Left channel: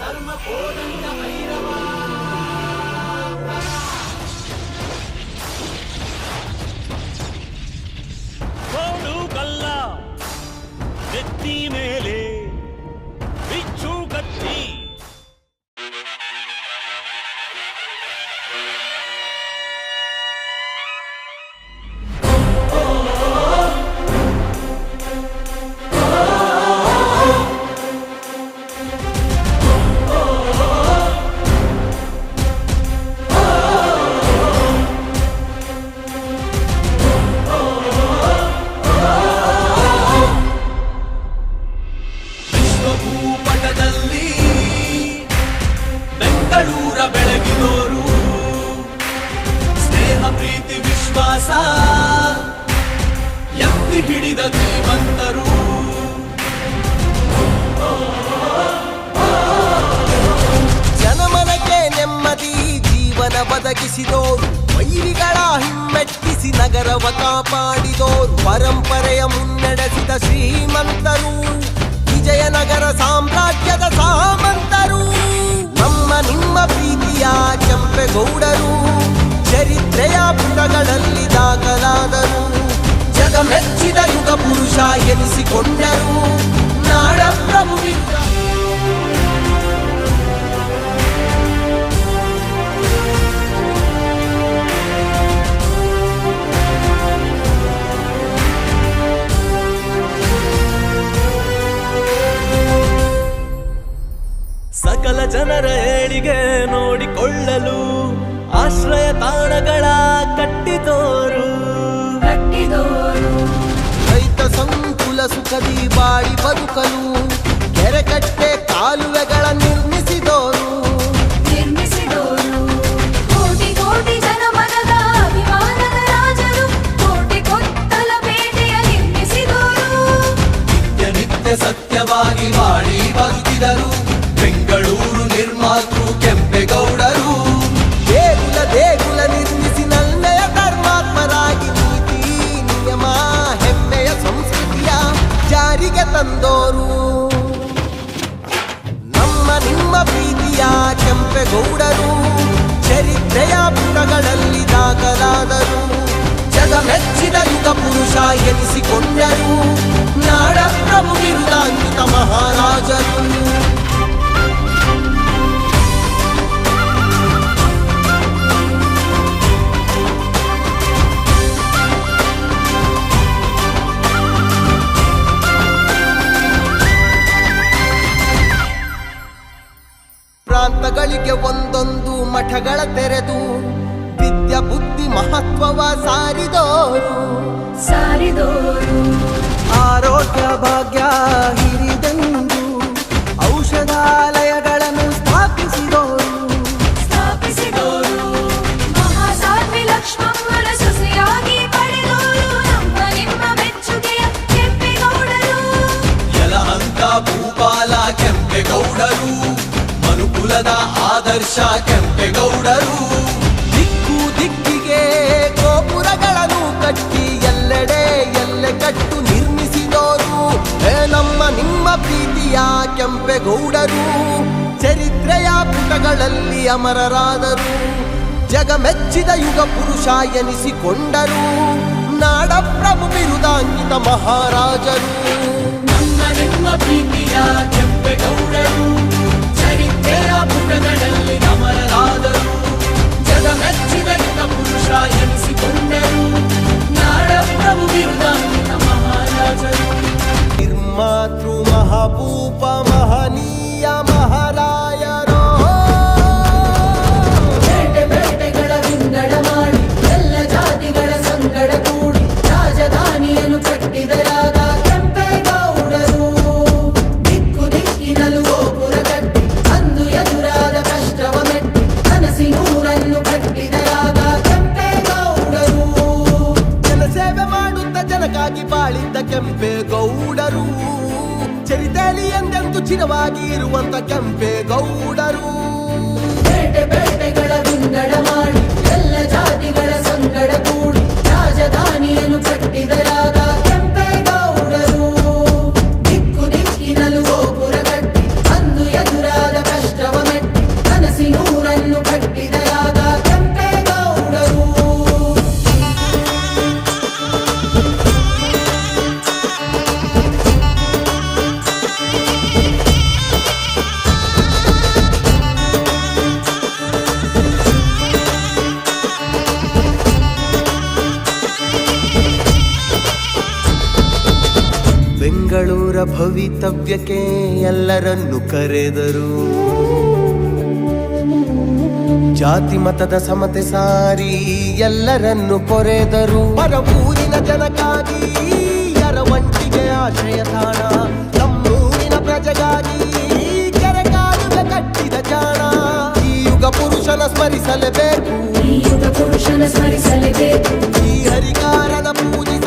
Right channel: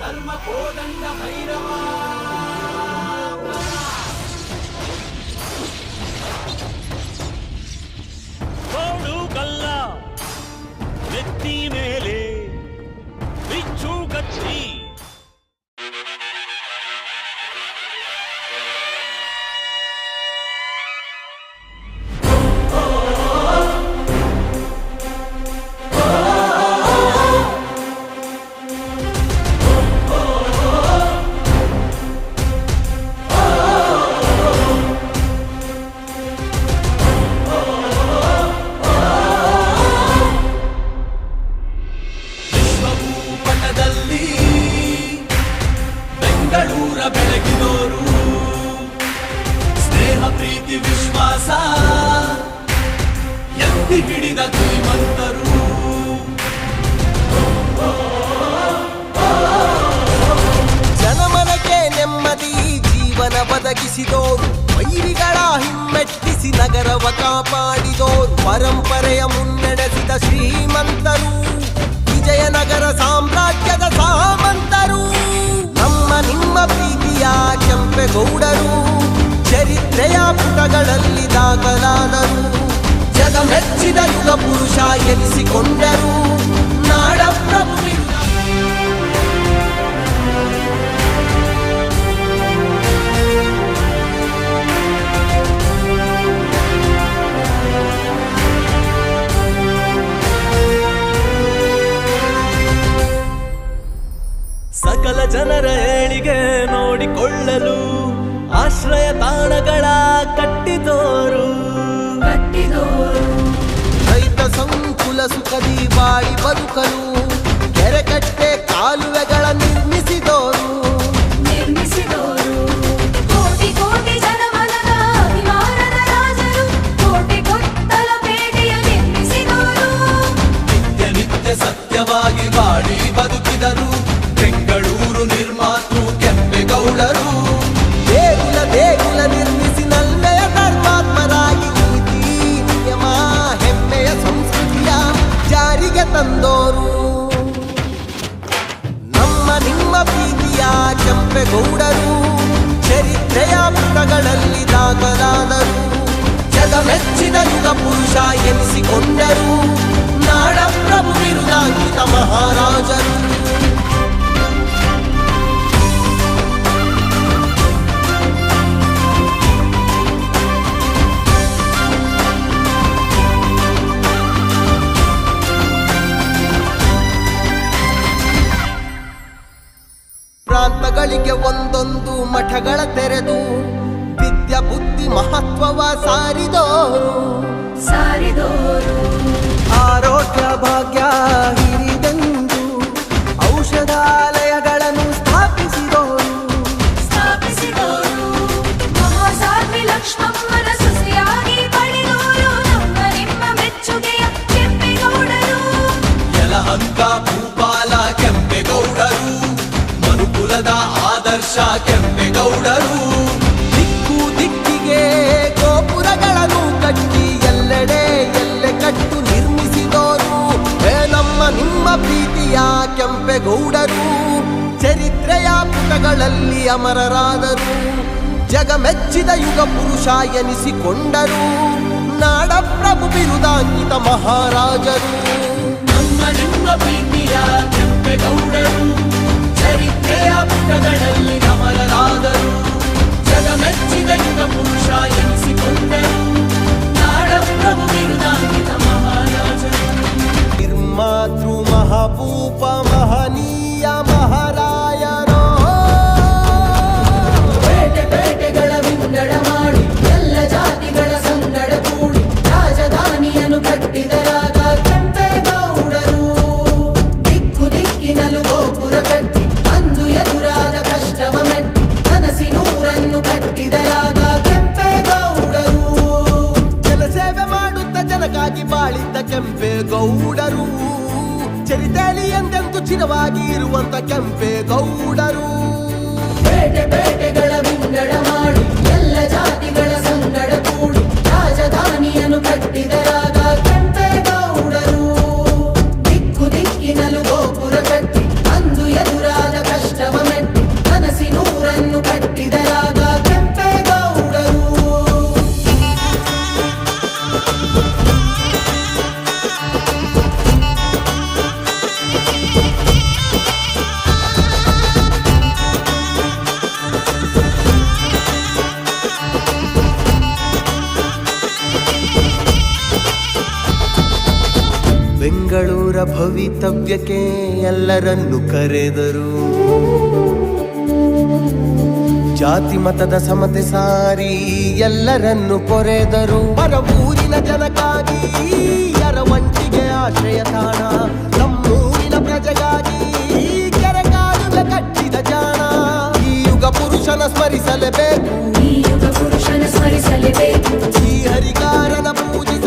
ధర్మ కోదండ భైరవా కోడు కల్లా నెత్తి మేలే 一丁合体 ಜನಮನಕ್ಕೆ ನೆಮ್ಮದಿ, ಜೀವನ ಬದಗಿಸಿದೋರು ವೈರಿಗಳ ಹಿಮ್ಮೆಟ್ಟಿಸಿ ನಗರವ ಕಾಪಾಡಿದೋರು. ಪರಂಪರೆಯ ಮುನ್ನಡೆಸಿದ ಶ್ರೀಮಂತರು. ವಿಜಯನಗರ ಸಾಮ್ರಾಜ್ಯದ ಸಾಮಂತರು. ನಮ್ಮ ನಿಮ್ಮ ಪ್ರೀತಿಯ ಕೆಂಪೆಗೌಡರು. ಚರಿತ್ರೆಯ ಪುಟಗಳಲ್ಲಿ ದಾಖಲಾದರು. ಜಗ ಮೆಚ್ಚಿದ ಯುಗ ಪುರುಷ ಎನಿಸಿಕೊಂಡರು. ನಾಡ ಪ್ರಭು ಸಕಲ ಜನರ ಏಳಿಗೆ ನೋಡಿಕೊಳ್ಳಲು ಆಶ್ರಯ ತಾಣಗಳ ಕಟ್ಟಿದೋರು. ರೈತ ಸಂಕುಲ ಸುಖದಿ ಬಾಳಿ ಬದುಕಲು ಕೆರೆಕಟ್ಟೆ ಕಾಲುವೆಗಳ ನಿರ್ಮಿಸಿದೋರು. ತಂದೋರು. ನಮ್ಮ ನಿಮ್ಮ ಪ್ರೀತಿಯ ಕೆಂಪೆಗೌಡರು, ಚರಿತ್ರೆಯ ಪುಟಗಳಲ್ಲಿ ದಾಖಲಾದರು. ಜಗ ಮೆಚ್ಚಿದ ಯುಗ ಪುರುಷ ಎನಿಸಿಕೊಂಡರು. ನಾಡ ಪ್ರಭು ವಿರುದಾಂಕಿತ ಮಹಾರಾಜರು. ಪ್ರಾಂತಗಳಿಗೆ ಒಂದೊಂದು ಮಠಗಳ ತೆರೆದು ವಿದ್ಯಾ ಬುದ್ಧಿ ಮಹತ್ವವ ಸಾರಿದೋರು. ಸಾರಿದೋರು. ಆರೋಗ್ಯ ಭಾಗ್ಯ ಹಿರಿದೆಂದು ಔಷಧಾಲಯಗಳನ್ನು ಸ್ಥಾಪಿಸಿದೋರು. ಸ್ಥಾಪಿಸಿದೋರು. ಭೂಪಾಲ ಕೆಂಪೇಗೌಡರು. ಮನುಕುಲದ ಆದರ್ಶ ಕೆಂಪೇಗೌಡರು. ದಿಕ್ಕು ದಿಕ್ಕಿಗೆ ಗೋಪುರಗಳನ್ನು ಕಟ್ಟಿ ಎಲ್ಲೆಡೆ ಎಲ್ಲೆ ಕಟ್ಟು ನಿರ್ಮಿಸಿದೋರು. ನಮ್ಮ ನಿಮ್ಮ ಪ್ರೀತಿಯ ಕೆಂಪೇಗೌಡರು. ಚರಿತ್ರೆಯ ಪುಟಗಳಲ್ಲಿ ಅಮರರಾದರು. ಜಗ ಮೆಚ್ಚಿದ ಯುಗ ಪುರುಷ ಎನಿಸಿಕೊಂಡರು. ನಾಡ ಪ್ರಭು ಬಿರುದಾಂಕಿತ ಮಹಾರಾಜರು. ನಮ್ಮ ನಿಮ್ಮ ಪ್ರೀತಿಯ ಕೆಂಪೇಗೌಡರು. ಚರಿತ್ರೆಯ ಪುಟಗಳಲ್ಲಿ ಅಮರರಾದರು ಜಗ ಮೆಚ್ಚಿದ ಯುಗ ಪುರುಷ ಎನಿಸಿಕೊಂಡರು ನಾಡ ಪ್ರಭು ಬಿರುದಾಂಕಿತ ಮಹಾರಾಜರು ನಿರ್ಮಾತೃ ಮಹಾಭೂಪ ಮಹನೀಯ ಬೇಟೆ ಎಂದೆಂದು ಚಿರವಾಗಿ ಇರುವಂತ ಕೆಂಪೇಗೌಡರು ಬೆಂಗಳೂರ ಭವಿತವ್ಯಕ್ಕೆ ಎಲ್ಲರನ್ನು ಕರೆದರು. ಜಾತಿ ಮತದ ಸಮತೆ ಸಾರಿ ಎಲ್ಲರನ್ನು ಕೊರೆದರು. ಪರ ಊರಿನ ಜನಕ್ಕಾಗಿ ಅರವಂಟಿಗೆ ಆಶ್ರಯ ತಾಣ. ನಮ್ಮೂರಿನ ಪ್ರಜೆಗಾಗಿ ಕೆರೆ ಕಾಲುವೆ ಕಟ್ಟಿದ ಜಾಣ. ಈ ಯುಗ ಪುರುಷನ ಸ್ಮರಿಸಲೇಬೇಕು. ಈ ಪುರುಷನ ಸ್ಮರಿಸಲೇಬೇಕು. ಈ ಹರಿಕಾರನ ಪೂಜಿಸ